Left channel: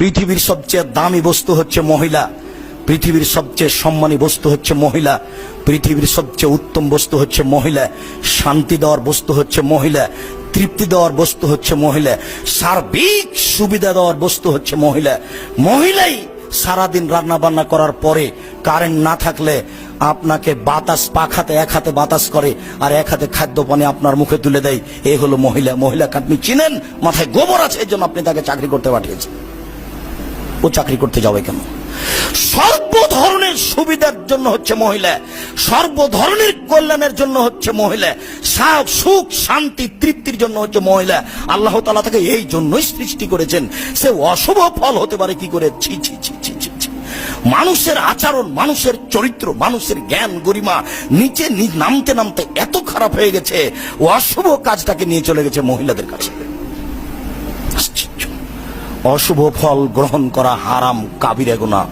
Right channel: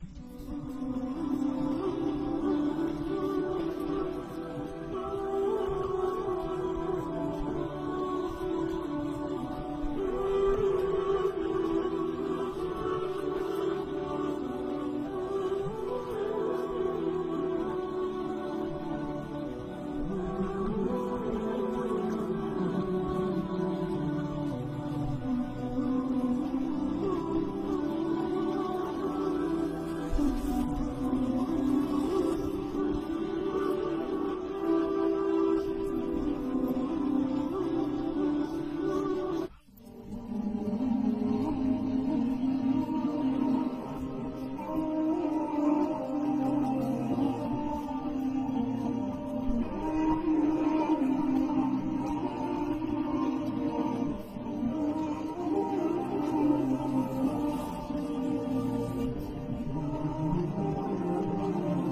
পৃথিবীর সবচেয়ে দামি বস্তু হচ্ছে মহিলা, পৃথিবীর সবচেয়ে সম্মানী বস্তু হচ্ছে মহিলা, পৃথিবীর সবচেয়ে উত্তম বস্তু হচ্ছে মহিলা, শান্তি দেওয়ার বস্তু হচ্ছে মহিলা, তৃপ্তি দেওয়ার বস্তু হচ্ছে মহিলা, সার্বিক সুবিধা দেওয়ার বস্তু হচ্ছে মহিলা। মহিলাই সারাদিন রান্না বান্না করার পরে কারেন্ট না থাকলে আপনাকে বাতাস পাখাতে এক হাতে বাতাস করে আর এক হাতে খাদ্য পানি আপনার মুখে তুলে দেয়। এই হলো মহিলা। মহিলাকে আপনি চিনেন, মাথায় গোবর আছে, এই জন্য আপনি তাকে চাকরি করতে পাঠিয়েছেন। ও চাকরি করতে যাবে কেন? সর্ব ধরনের সুবিধার জন্য হচ্ছে মহিলা, সর্ব ধরনের কল্যাণের জন্য হচ্ছে মহিলা, সুখ শান্তি তৃপ্তির জন্য হচ্ছে মহিলা। আল্লাহ তাআলা তাকে এই জন্যই সৃষ্টি করেছেন। সে অশুভ ফল হতে পারে কি করে? ছি ছি ছি ছি ছি ছি। মানুষের আচরণ, মানুষের চরিত্র, মানুষের জ্ঞান গরিমা নিচে নামতে নামতে এত খারাপ হয়ে গেছে, অশুভ কাজটাকে নিয়ে চলে গেছে মহিলাদের কাছে। অশুভ ফল গ্রহণ করা হারাম, কাবিরা গুনাহ।